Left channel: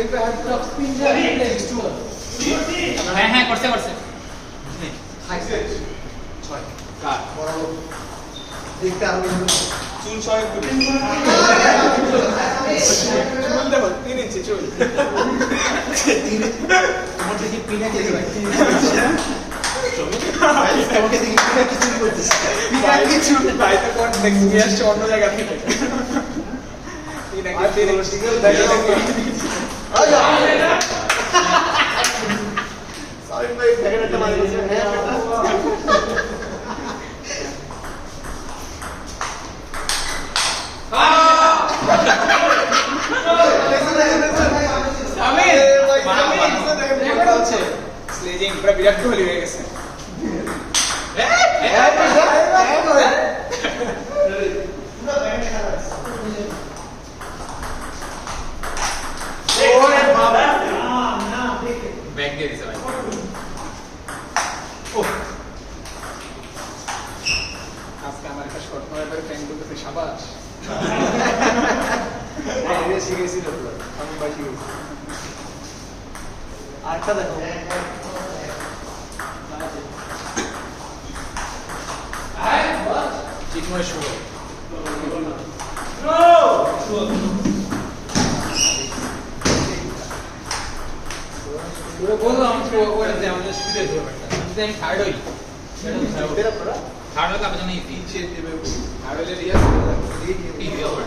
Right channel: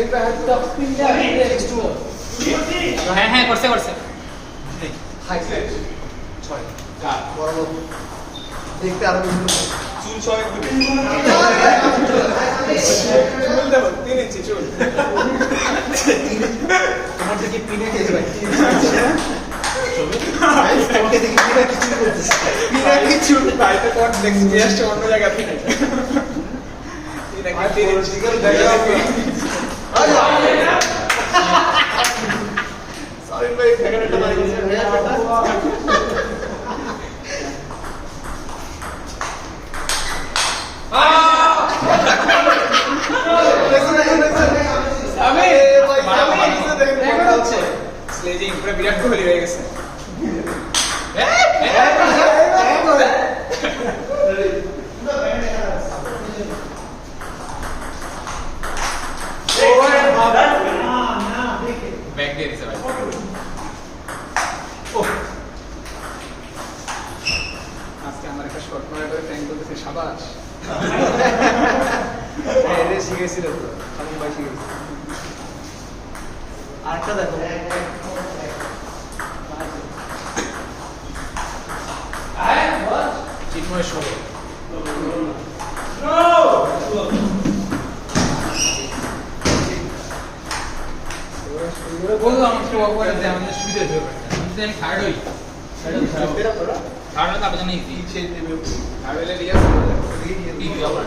if I have top spin there, it's too much. হ্যাঁ হ্যাঁ করছে করছে ছয় কাট বড় দেখতে আরো চুল ছয় চুল দেখো 3 ইঞ্চি চুল তোমার দেখি পিনে খেয়ে যাবে তোমাকে দেখি পিনে কিছু করতেছে পিনে কিছু বাইরে কোট দেখি নিয়ে আসছে অন্য জায়গা থেকে এটা কি 3 ইঞ্চি করে দেখো সরি ভাই ফেকারটা মারি গেছে স্লেজিং পুরো বিরাট কোহলি হয়ে গেছে ওরে বাবা ব্যাক দিয়ে দিছে ভাই আজকে আমার একটা শট মারার পরে ফ্যান বলতেছে শাবাশ এরে শিখেছিল তো আমি ভাই শিখেছি আরেকটা দেখো চিন্ময় শুভ বললাম তো ওটা দিয়ে আমাদের সুবিধা হয়ে যাবে আমি থার্ড হই থার্ড হলে তার জন্য ইজি আর হলে রিয়াজ ইজি হবে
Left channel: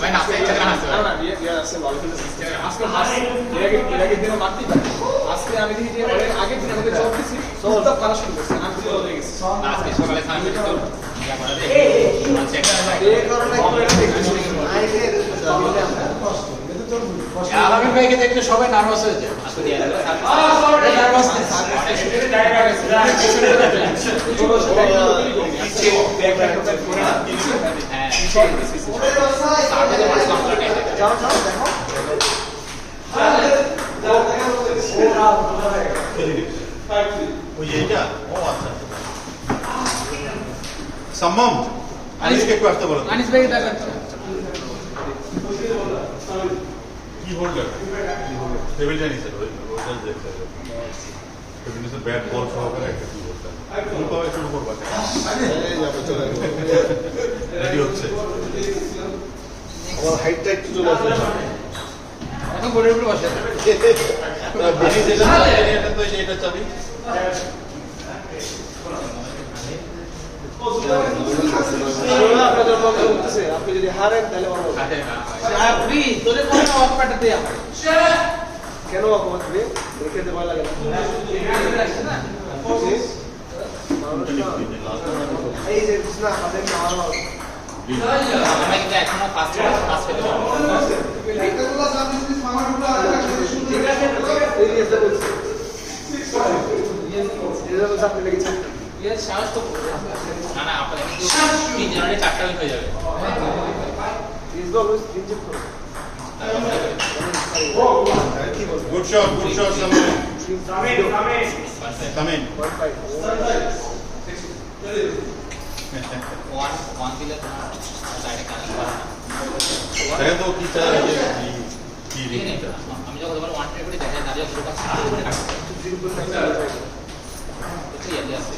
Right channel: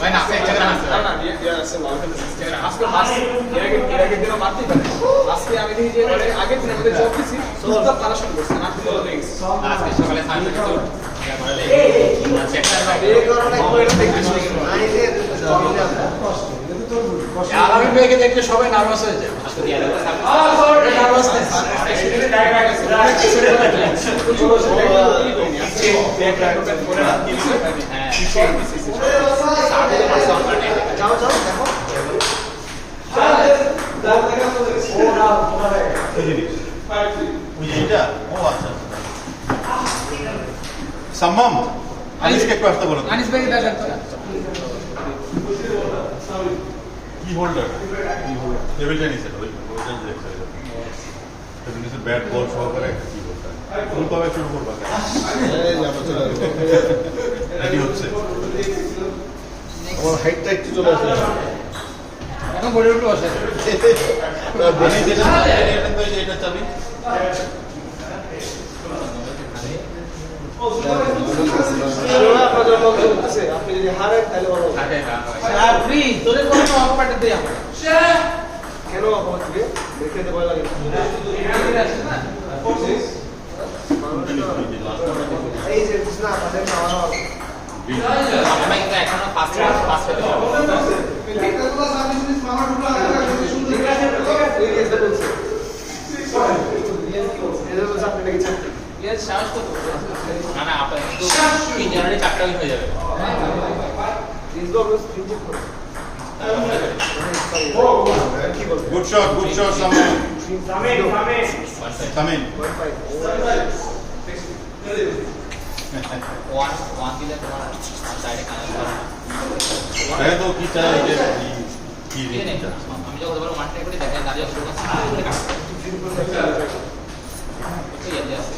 ভাই না একটা গান আছে না রিয়াজ আছে ওয়ালকাম আজকে এর আগে দিন মারতে পারে আজকে আমি দেখি যে আগের দিন আমাদের জব দিছি সব কালেকশন করছি আর দিন হয়ে গেছে আজকে সকালে সার্ভিস তো ইয়া করে দেই আচ্ছা একটা আলামী ভাইকে দেখলে সবাই নার্ভাস হয়ে যায় নার্ভাসনেস সম্ভব আনিসকে একটু আসতে বলো আনিস ভাই দেখা কি হোল্ডার টেবিল টেনিসের ওইটা দেখতে হবে টেবিল টেনিসের ব্যাট বল সহকারে একটা কি হোল্ডার তুমি কবে শুরু করবা রেডি হচ্ছে আমার হাইটটা একটু চলে আসে এখন বোর্ডের উপরে বসে বেশি যেটা এটা তো এটা চাবি আপনি যদি হারেন তাহলে তোদের কোনো অফারটা দেই আমার কেন দেখে দিতে ভালো লাগে এই যে না তাদের আমি কিন্তু এখনো 5 পেতে পারবো সাহস তো না না আপনার কিন্তু 3 জনের 4টা হয়ে যাবে গুড শট সামিন ওয়ান দিলে তোমার ডাইরেক্ট কানেক্ট করা দেখা তো কি চালা কি আমি যখন বলবো ওয়ান ট্র্যাক করে দেখা দাঁড়িয়ে পুরোটা ইয়ে আছে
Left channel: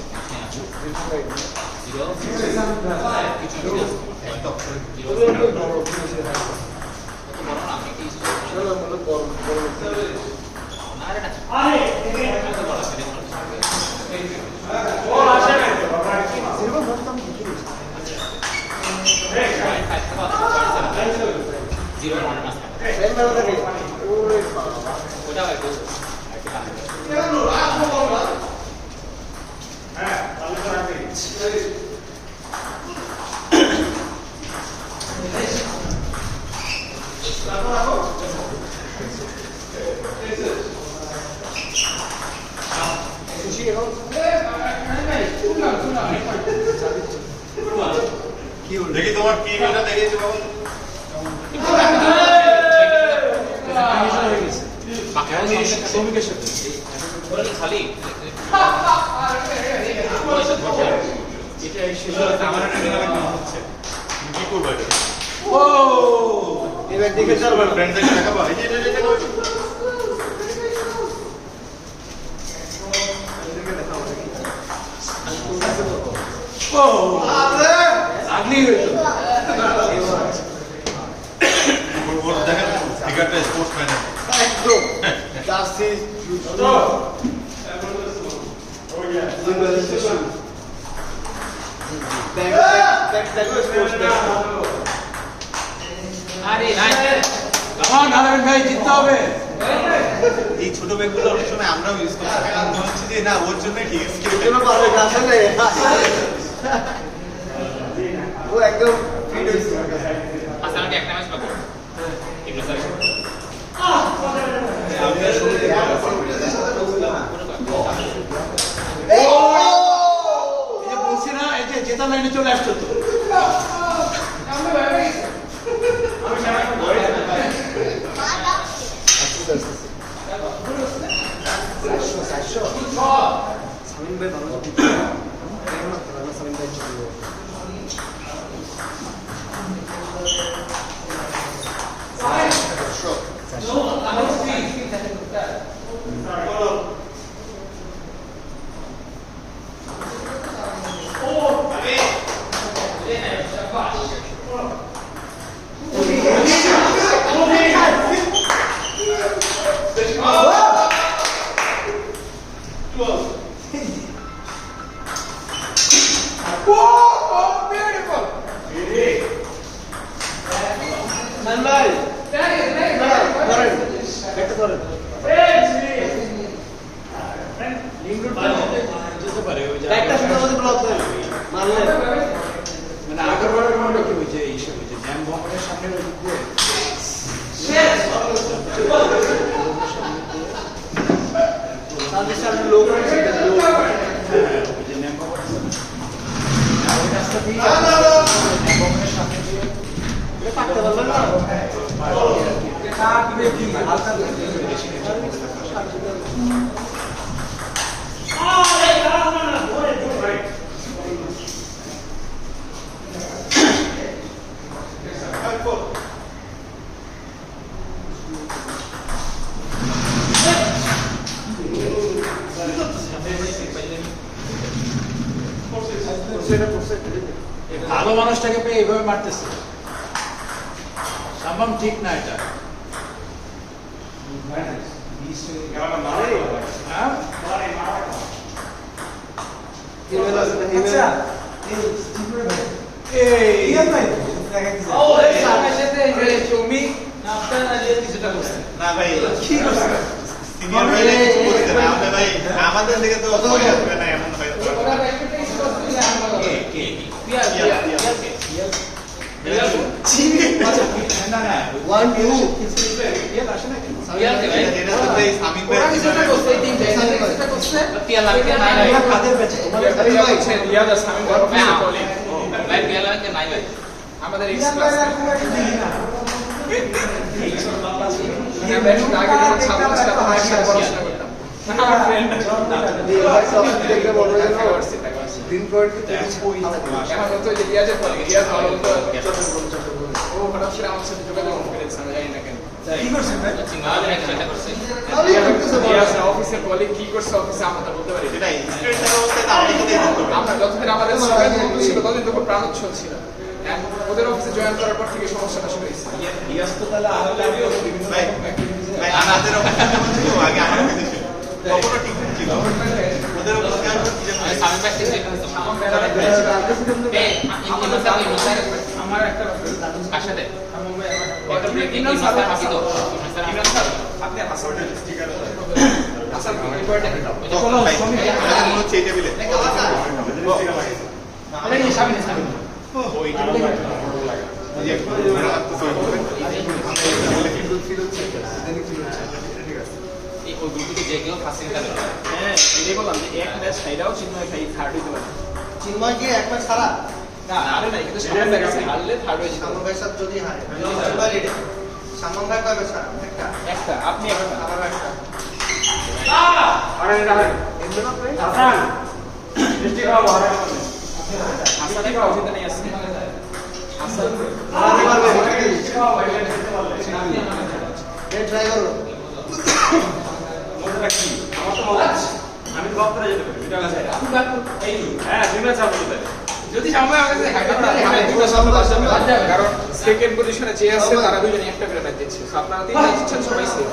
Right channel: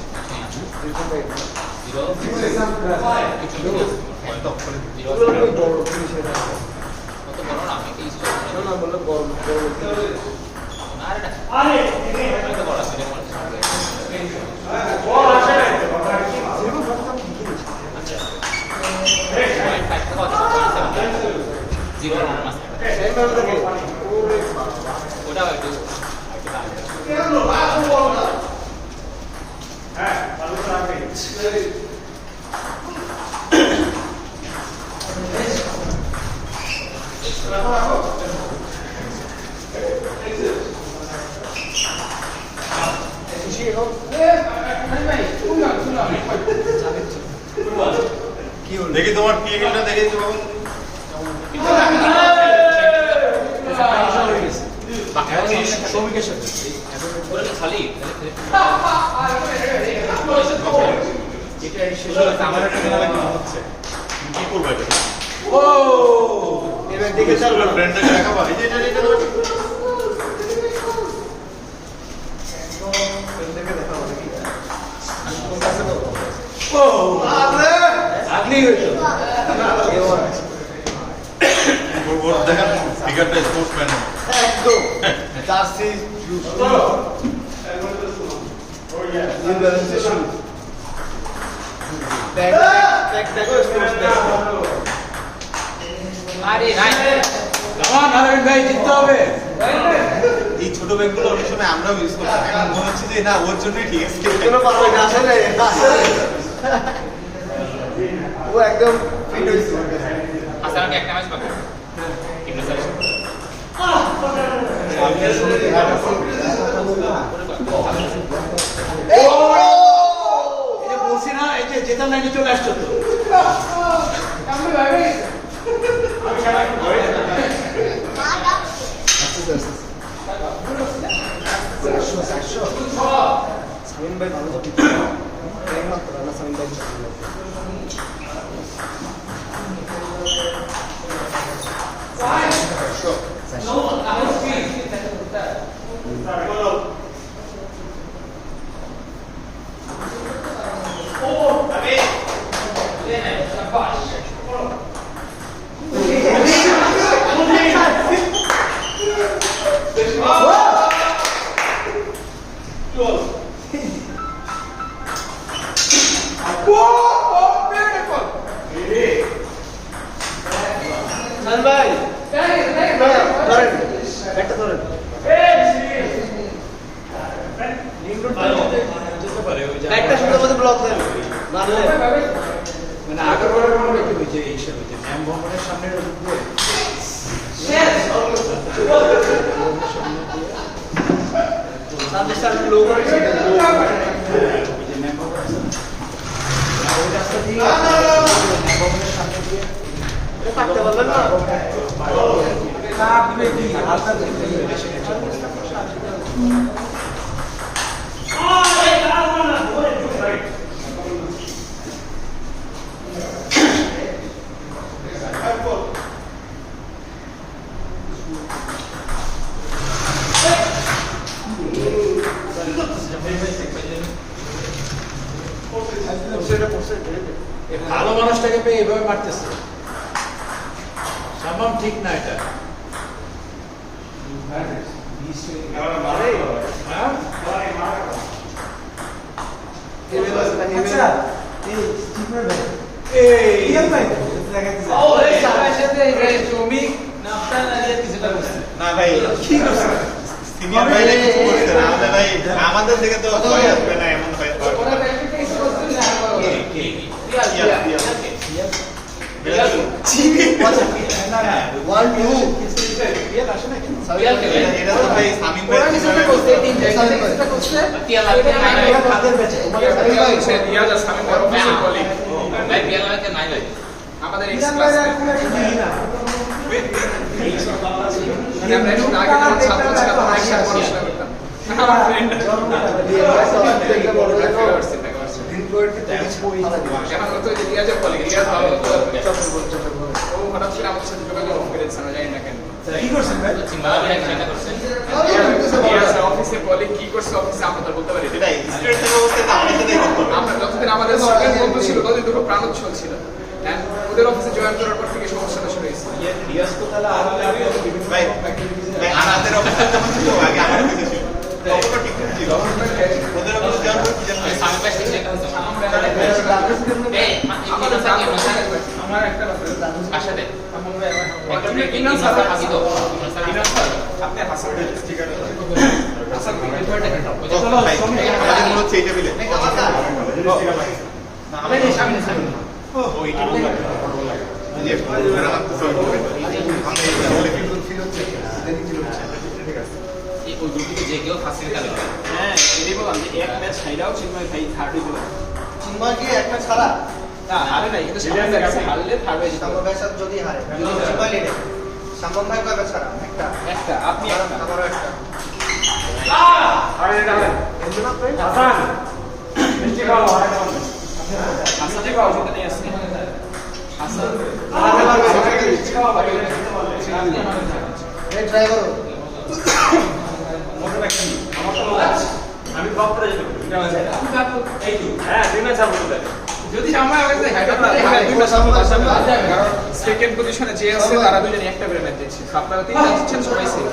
দেখি তোমার কি এটা দেখেছি বাবা শ্রমিকের সাথে এটা এই শেষ হলে আমার একটা হচ্ছে কি করবো এটা ও এবার দিকে চলবো না ফ্রেন্ডদেরকে দেখাবো এই যে এটা ও আগলি হইতো ওর দেখেন ফিগারটা স্পোর্টসম্যান একদম জার্সি আরে নাই নারায়ণ ভাই জিততে হবে এই ছোট ব্যাগগুলো অনেক সময় আমরাও ইউজ করতাম এখন মনে হচ্ছে যে না ওর জন্য ঠিক আছে কোনো পারবে না আসলে ও একদম ফিট হয়েছে আচ্ছা আমাকে একটা ম্যাচ পাবো ইবনে স্যার এই যে বলছি না এই যে জেতার লাইনে চলে আসছো তো ভাই ধরেন একটা ধরেন যেতে পারে ওই যে একটা সাথে সাথে ব্লক দেন মারলে মানে আগের বারের মনে কি হয়েছে এই সব হয়েছে ম্যাম ভবনের সামনে ওদিক দিয়ে সামনে সামনে লোক আছে ওই যে ম্যাম ভবন আছে ওই রাস্তা দিয়ে ম্যাম ভবনের সামনে দিয়ে থাকতে বলবেন না কার দিবে কি হালকা দিবে বেশি টেনশন করতে ভালো মানুষটাকে পেয়ে এভাবে মারতেছে সামাম ঠিক না এটা না ভাই কি করছে সিনিয়র ভাই নাকি কিছু করছে না আমাদের ভাই আমাদের দিকে তো ভয় আসবে না এমন হয় এটা তো ভাই সামিন ভাই আমাদের কি করছেন ভাই অফিসের কলিগ কি করছে অফিসে আমরা বলতে পারি ভাই স্ট্রেট থাকা অবস্থায় তো আমাদের দেখতে হবে আমরা যতদিন আমাদের স্টুডেন্ট বন্ধু ছিল ততদিন তো খুব প্রাণোচ্ছল ছিল ওদের অফিসে জয়েন করার পর থেকে সমস্যাটা শুরু হয়েছে রিয়াজ তো তাহলে বিভিন্ন ভাই ভাই আমাদের অফিসে ছিল আগে আমার অফিসে ছিল কখনো ঠিক ছিল ওদের অফিসে আমরা কি জানো সামনে কাছে আমার একটা পাশে দেন আপনি হাসপাতাল স্টিকার ভাই আমাদের মনে হচ্ছে এই টেবিলে যে কেউ ফার্স্ট হ্যাঁ এটাই বললাম যে এক ম্যাচ সাইডাও চিন্ময় খাই থার্ড হয়ে গেল চিন্ময় কি একটা ছাড়া না আরে না কিন্তু হারলে থার্ড হয়ে যেত সামনের সাথে যদি হারে সামনের কাটা ছাড়া একটা একটা আপনি একটা আমারও একটা হাসান একটা অজিত নেই আছে হাসান ট্রাই করো। আমি ব্লক করে যেতে হ্যাঁ দুই ম্যাচ হবে যদি সময় হবে কারণ সেকেন্ড পজিশনে যে আছে তারা দুজনে একটা করে ম্যাচ দিচ্ছে তো আপনারা তিনজন জিতছেন সবাই সেভ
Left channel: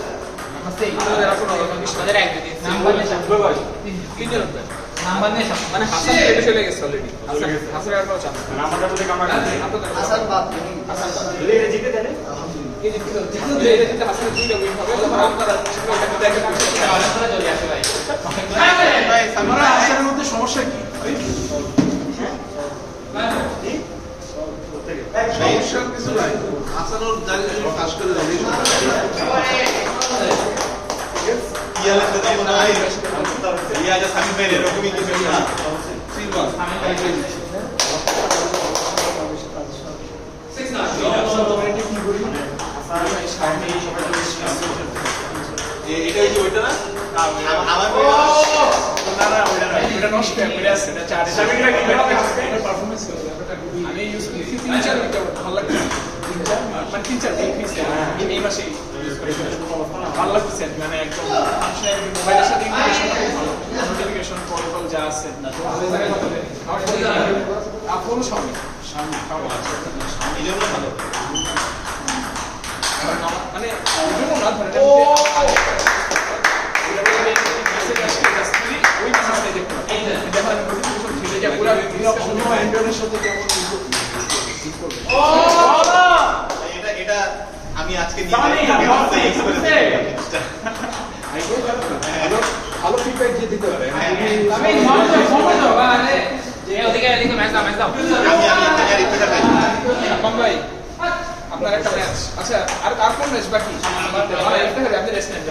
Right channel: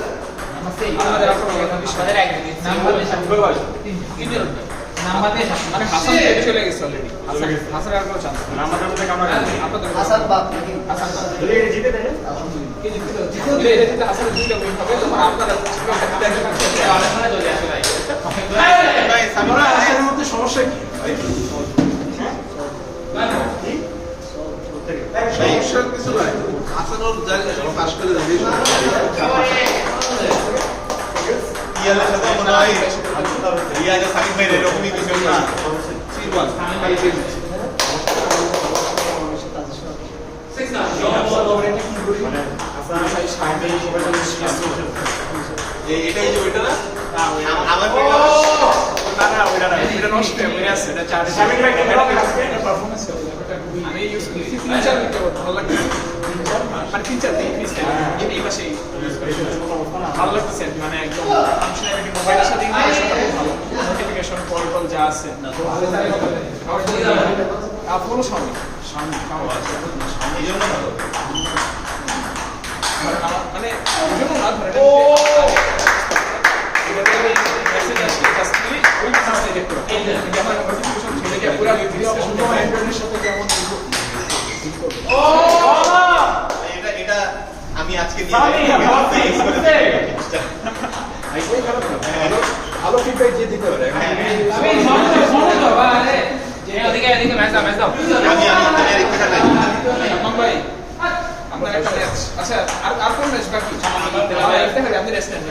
আমাদের এখন আমাদের এক দিন তিনজন মানে হাসান তো চলে গেছে অলরেডি হাসান আর কোনো চান্স নেই আমাদের মধ্যে কামড়া আপনাদের হাসান বাপ জিতে দেন হাসান দুইটা উইন হবে তখন আপনারা অনেক সময় চলে আসে ভাই আমরা আসার মধ্যে সমস্যা কি সমস্যা কিছু নাই হাসানোর জায়গায় পাশ করে দেয় রিয়াজ সাকিব ভাই এরকমই কিছু না 6 এটাই যে ওইটা না আমার এটা নষ্ট হয়ে আছে এটা চার পারফরম্যান্স আমি ইউজ করি তিন-চার উইকেট ভালো লাগছে মানে তিন-চার দিন এই মাসে ভালো লাগছে মানে একদম ফাংশনালিটি মোবাইলের সাথে নোটিফিকেশন কল যা আছে ফলো স্বামী এই জন্য ভালো মানে এজন্য না ধরে মেসেজ আসলে জাস্ট ওই মেসেজটা দেখতে এই যে আমার নোটিফিকেশন ছিল এটা পুরো ভিডিও অন্য অ্যান্ড্রয়েডের সাথে যেমন এটা আমি আজকে ভালো ফিডব্যাক দিয়ে দিতে পারে ওদিকে ম্যাচ দাও ভাই আপনার একটা ম্যাচ আচ্ছা আর কোন ম্যাচ বাকি আপনি রেস্ট নেন